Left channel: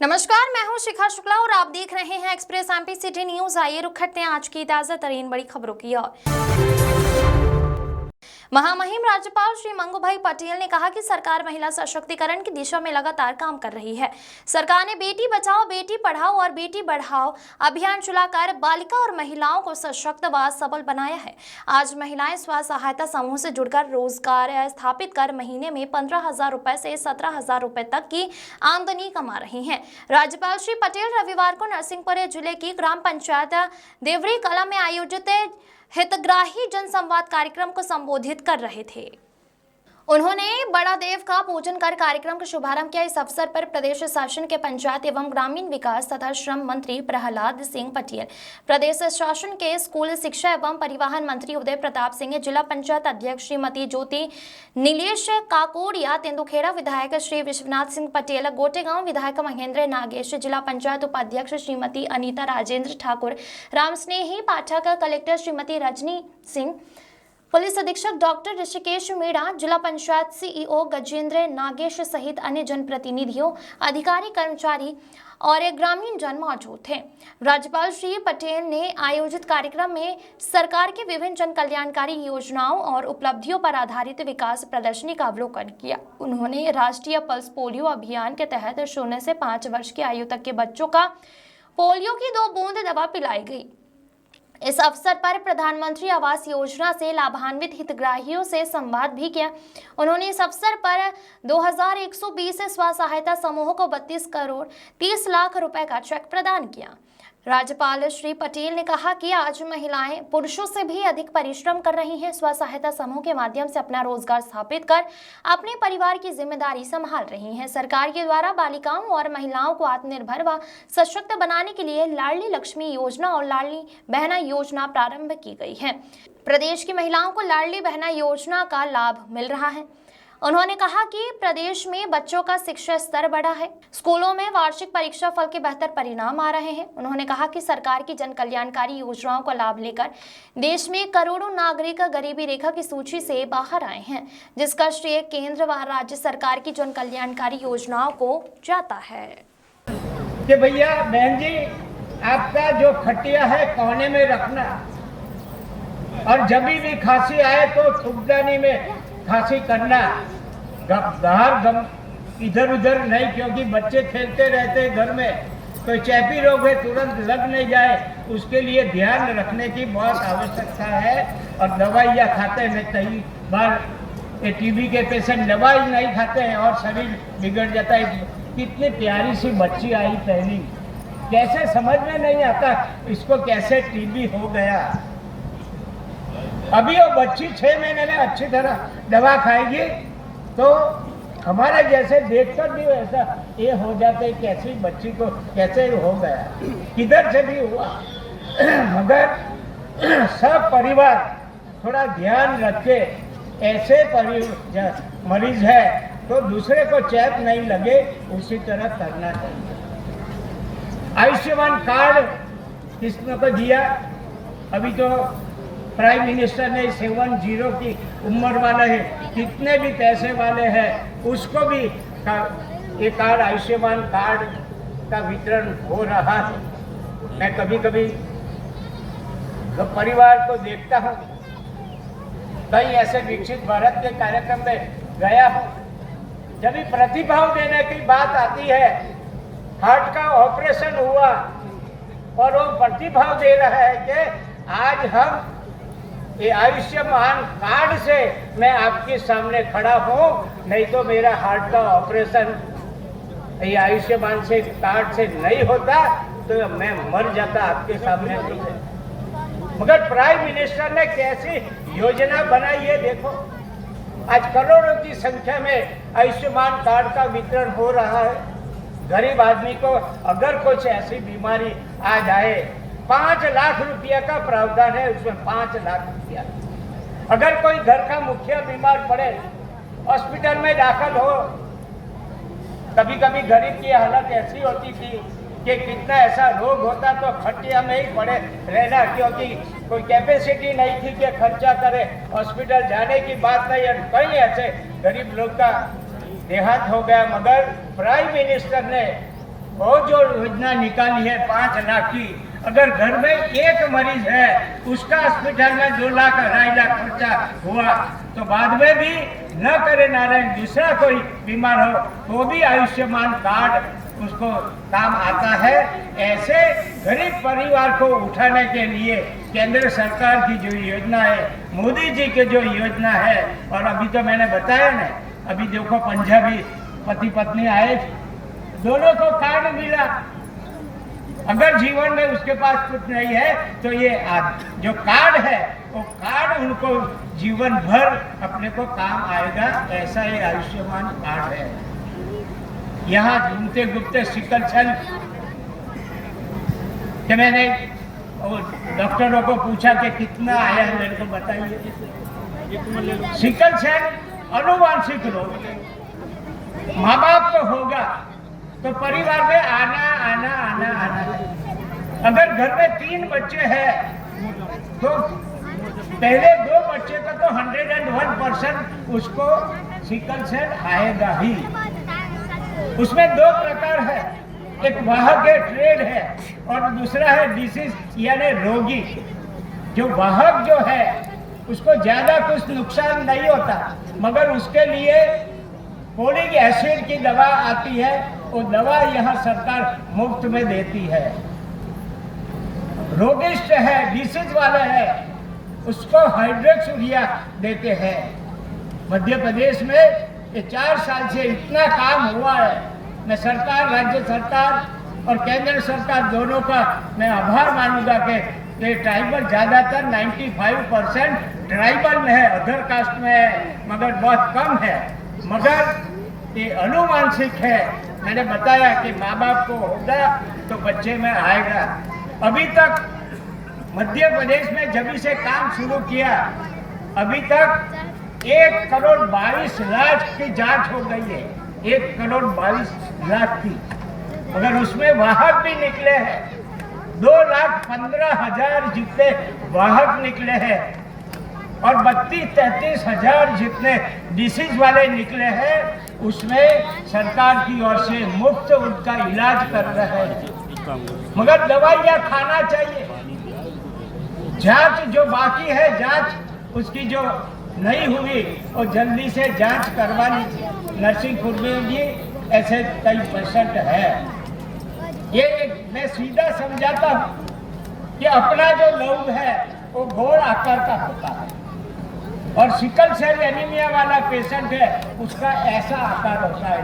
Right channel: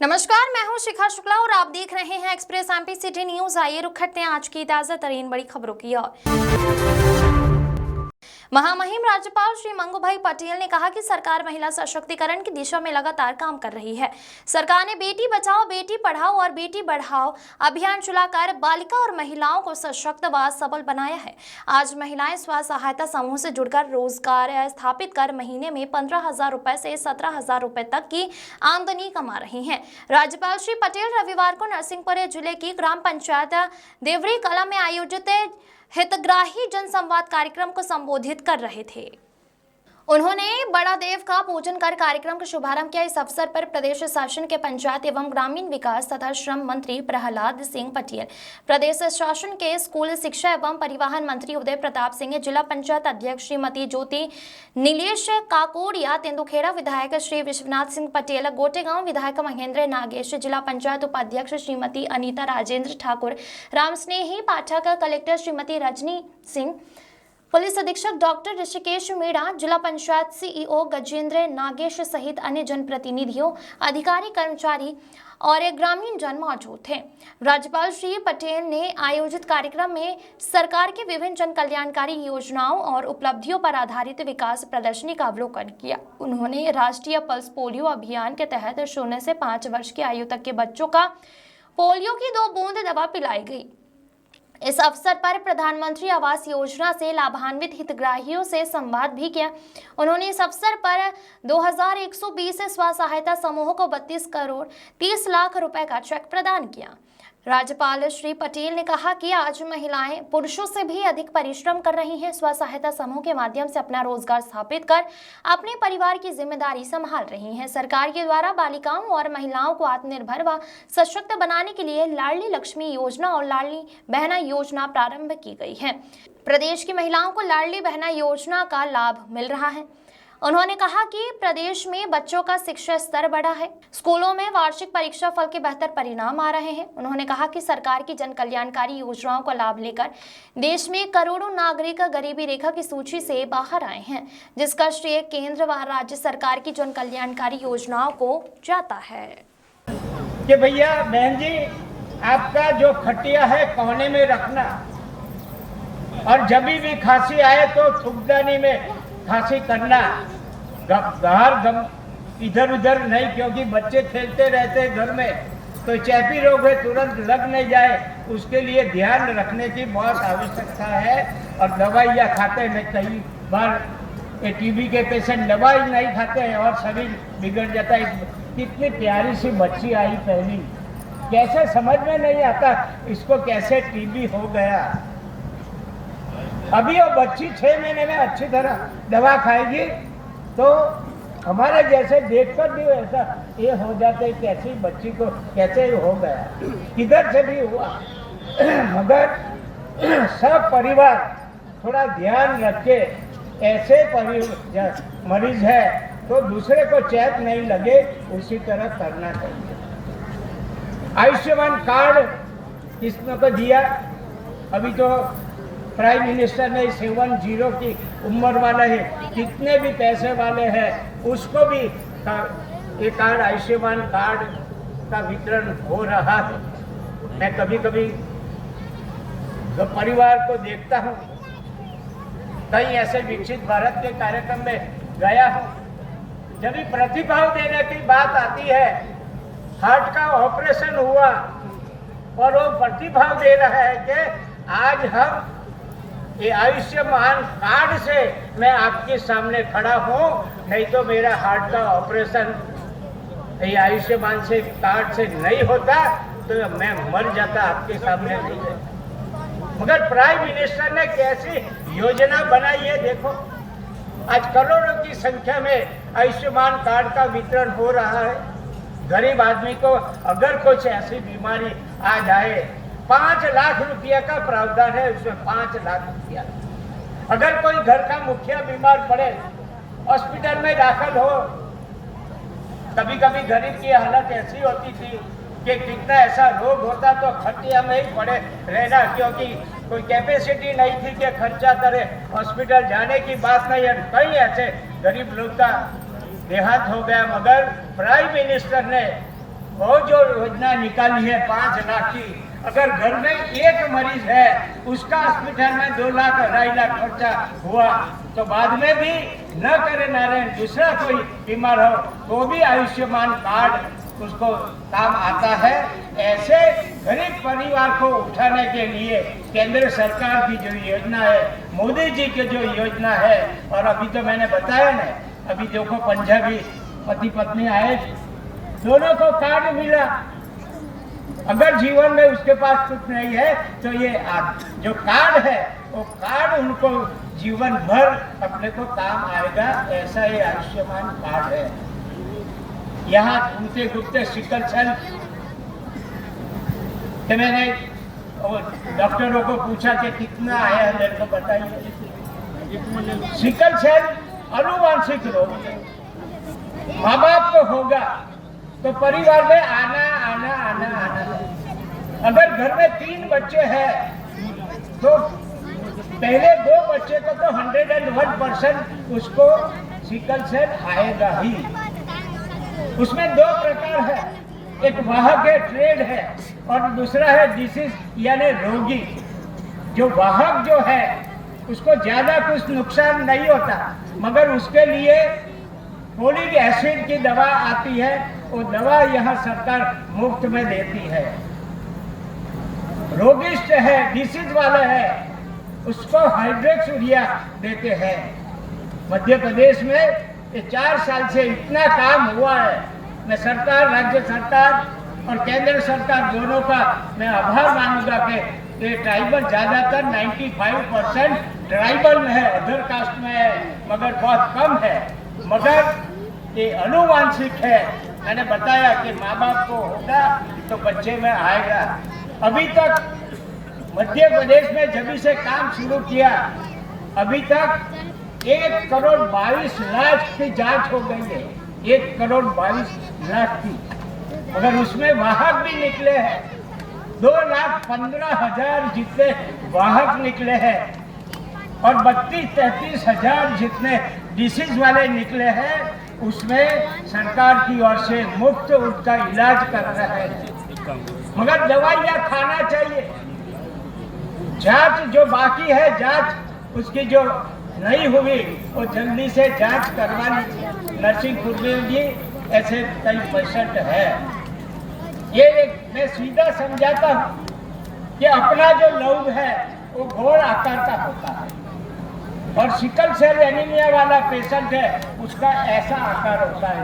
नमस्कार, मैं हूं शिखा शुक्ला और आप देख रहे हैं एक्सप्रेस एमपी सिटी न्यूज। आइए रुक करते हैं आज की ताजा तरीन बड़ी खबरों की ओर। महामहिम राज्यपाल श्री मंगूभाई पटेल ने कहा कि सरकार महिला सशक्तिकरण की दिशा में लगातार काम कर रही है। सरकार ने बेटी बचाओ बेटी पढ़ाओ और बेटी बढ़ाओ अभियान चलाकर बालिका और महिलाओं को सशक्त व सबल बनाया है। आज महिलाएं स्व सहायता समूह से जुड़कर रोजगार स्थापित कर महीने में 15,000 रुपए से 17,000 रुपए तक की आमदनी कमा रही हैं। राज्यपाल श्री पटेल रविवार को नरसिंहपुर जिले की ग्राम पंचायत देवरी कला में आयोजित हितग्राही जनसंवाद कार्यक्रम को संबोधित कर रहे थे। उन्होंने बड़ा देव का पूजन कर कार्यक्रम का शुभारंभ किया। इस अवसर पर प्रदेश शासन के पंचायत एवं ग्रामीण विकास तथा श्रम मंत्री प्रहलाद सिंह पटेल, प्रदेश शासन के स्कूल शिक्षा एवं परिवहन मंत्री उदय प्रताप सिंह, जिला पंचायत अध्यक्ष श्रीमती ज्योति नीलेश काकोड़िया, तेंदुखेड़ा विधायक श्री विश्वनाथ सिंह पटेल, गोटेगांव विधायक महेंद्र नागेश, जिला पंचायत उपाध्यक्ष श्रीमती अनीता राजेंद्र ठाकुर, रामस्नेही पाठक, कलेक्टर श्रीमती रजनी सिंह, पुलिस अधीक्षक डॉक्टर ऋषिकेश मीणा, जिला पंचायत सीईओ गजेंद्र नागेश सहित अन्य जनप्रतिनिधियों, अधिकारी, कर्मचारी और ग्रामीण जन मौजूद थे। राज्यपाल श्री पटेल ने आयोजित कार्यक्रम में सरकार की विभिन्न जन कल्याणकारी योजनाओं और उपलब्धियों पर आधारित विकास प्रदर्शनी का अवलोकन किया। उन्होंने राष्ट्रीय पल्स पोलियो अभियान के तहत 0 से 5 वर्ष की आयु तक के बच्चों का पोलियो की 2 बूंद दवा पिलाई गई। इस अवसर पर प्रधानमंत्री आवास योजना से लाभान्वित हितग्राहियों से संवाद भी किया। उन्होंने इस अवसर पर 2120 स्व सहायता समूहों को 32 करोड़ 30 लाख रुपए का चेक प्रदान किया। राज्यपाल श्री पटेल ने कहा कि आज महिलाएं पुरुषों से भी अधिक परिश्रम कर रही हैं। स्व सहायता समूह के माध्यम से अपना रोजगार स्थापित कर अपने परिवार की जिम्मेदारी संभाल रही हैं। सरकार के द्वारा बालिकाओं और महिलाओं को आत्मनिर्भर व सशक्त बनाने के लिए लाडली लक्ष्मी योजना और लाडली बहना योजना प्रारंभ की गई है। प्रदेश की महिलाओं को लाडली बहना योजना का लाभ मिल रहा है। उन्होंने कहा कि प्रदेश में बच्चों का शिक्षा स्तर बढ़ा है, स्कूलों में वार्षिक परीक्षा फल के बेहतर परिणाम आ रहे हैं। उन्होंने कहा कि सरकार की जन कल्याणकारी योजनाओं का लाभ लेकर देश में करोड़ों नागरिक गरीबी रेखा की सूची से बाहर आए हैं, जिसका श्रेय केंद्र व राज्य सरकार की जन कल्याणकारी योजनाओं को जाता है। कि भैया बहन जी, आपका जो खटिया है कोने में रखना, और जब भी खांसी आए तो थूकदानी में खांसी करना, इधर उधर नहीं, क्योंकि बच्चे खेलते रहते हैं घर में, तो चैपी रोग है तुरंत लग नहीं जाए, उसके लिए ध्यान रखने की बहुत आवश्यकता है। और दवाइयाँ खाते हैं, कई बार ये टीबी के पेशेंट दवाई नहीं खाते हैं और शरीर बिगड़ जाता है। कितनी प्यारी सी बच्ची आई पहली, कैसे समझ में नहीं आता इसको कैसे टीबी हो गया। अभी वो बच्ची 6 महीने में अच्छी तरह दवा खाएगी तो हमारे जैसे देखकर भी ऐसा ये हो जाते, कैसी बच्ची को कैसे हो गया, किधर से भी हुआ। मगर सब परिवार थोड़ा ध्यान रखे, ऐसे मरीज है तो दूसरे को चैप नहीं लगे, उसी तरह करना चाहिए। आयुष्मान कार्ड किसने को दिया, अभी तो प्राइम मिनिस्टर ने 70 की उम्र वाले हैं, कितने भी पैसे वाले हैं उसको भी ये कार्ड, आयुष्मान कार्ड का वितरण हो रहा है। मैं कभी कभी जो परिवार को देखता हूँ, कई ऐसे विकसित भारत के कार्यक्रम में गया हूँ, जब भी प्रतिभाव देने की बात आती है, हार्ट का ऑपरेशन हुआ और वो प्रतिभाव दे रहा है कि आज हम ये आयुष्मान कार्ड से मैं आपके सामने खड़ा हूँ, नहीं तो मेरा हार्ट का ऑपरेशन ये आयुष्मान से कार्ड से नहीं होता तो मैं मर जाता, आपके सामने नहीं है। मगर प्राइम मिनिस्टर ने कैसी योजना बनाई है देखो, आज करोड़ों की संख्या में आयुष्मान कार्ड का वितरण हो रहा है। गरीब आदमी को अगर कुछ ऐसी बीमारी आ जाए, 5 लाख रुपया का प्रावधान है, उसमें 5 लाख रुपया। अगर कोई घर का मुखिया बीमार पड़े, हॉस्पिटल में दाखिल हो, कभी कभी गरीब की हालत ऐसी होती थी कि कितना ऐसा रोग होता तो खटिया में ही पड़े रहना, क्योंकि कोई कैपेसिटी नहीं थी कि खर्चा करे, हॉस्पिटल जाने की बात नहीं है। कई ऐसे गरीब लोग का देहांत हो गया, मगर प्राइम मिनिस्टर ने वो जो योजना निकाली है 5 लाख की, अगर घर में एक मरीज है उसका हॉस्पिटल में 2 लाख 2.5 लाख खर्चा हुआ तो बाद में भी न करे नारायण दूसरा कोई बीमार हो तो भी आयुष्मान कार्ड उसको काम आता है। ऐसे गरीब परिवार को उठाने के लिए केंद्र सरकार की जो योजना है, मोदी जी की जो योजना है, और अभी तो मैंने बताया ना, अभी देखो पंजाबी पति पत्नी आए, दोनों को कार्ड मिला। अगर जीवन में उसके पास कुछ नहीं है तो ये जो कार्ड है वो कार्ड उनको जीवन भर अपने को काम आएगा, ऐसा ये आयुष्मान कार्ड है। यहाँ घूमते घूमते सिकल सेल कि मैंने डॉक्टरों को पूछा कि कितना आया मेरे को बताइए। सिकल सेल अनुवांशिक रोग, माँ बाप को होगा तो परिवार में आना आना आना आना है। अगर घर में 3 बच्चे हैं तो पहले 2 बच्चे को तो 101% उसको सिकल सेल आएगा ही। उसमें 2 प्रकार है, एक वाहक है, ट्रेड है, और दूसरा है डिसीज यानी रोगी। जो वाहक जो है उसको ज्यादा कुछ नुकसान नहीं होता, मगर उसके लिए फोलिक एसिड की दवा आती है, वो दवा यह सरकार मुफ्त में देती है। रोगिष्ट है, डिसीज वाले है, उसको हाइड्रोक्सिया देते हैं। मध्य प्रदेश में ये 4 साल से इतना काम हुआ है। मैं सरकार, राज्य सरकार और केंद्र सरकार दोनों का मैं आभार मानूंगा कि ट्राइबल ज्यादातर 95% ट्राइबल में है, अदर कास्ट में है, मगर बहुत कम है। मगर ये अनुवांशिक है। मैंने बताया कि माँ बाप को होगा तो बच्चे में आएगा। अभी तक मध्य प्रदेश में जब से काम शुरू किया, अभी तक 1,22,00,000 की जांच हो गई है। 1,22,00,000 की। अगर उसमें वाहक भी निकले हैं, 2,15,000 जितने वाहक निकले हैं और 32-33 हजार जितने डिसीज वाले निकले हैं, उसमें सरकार की ओर से मुफ्त उनका इलाज कर रहे हैं। मगर दवाइयाँ खाना चाहिए। जांच जो बाकी है, जांच उसकी जो नहीं हुई वो जल्दी से जांच करवानी। नरसिंहपुर में भी ऐसे कई पेशेंट है। ये मैं सीधा समझाता हूँ कि अपना जो लहू है वो गोल आकार का होता है, और सिकल सेल एनीमिया वाला पेशेंट है उसका ऐसा आकार होता है।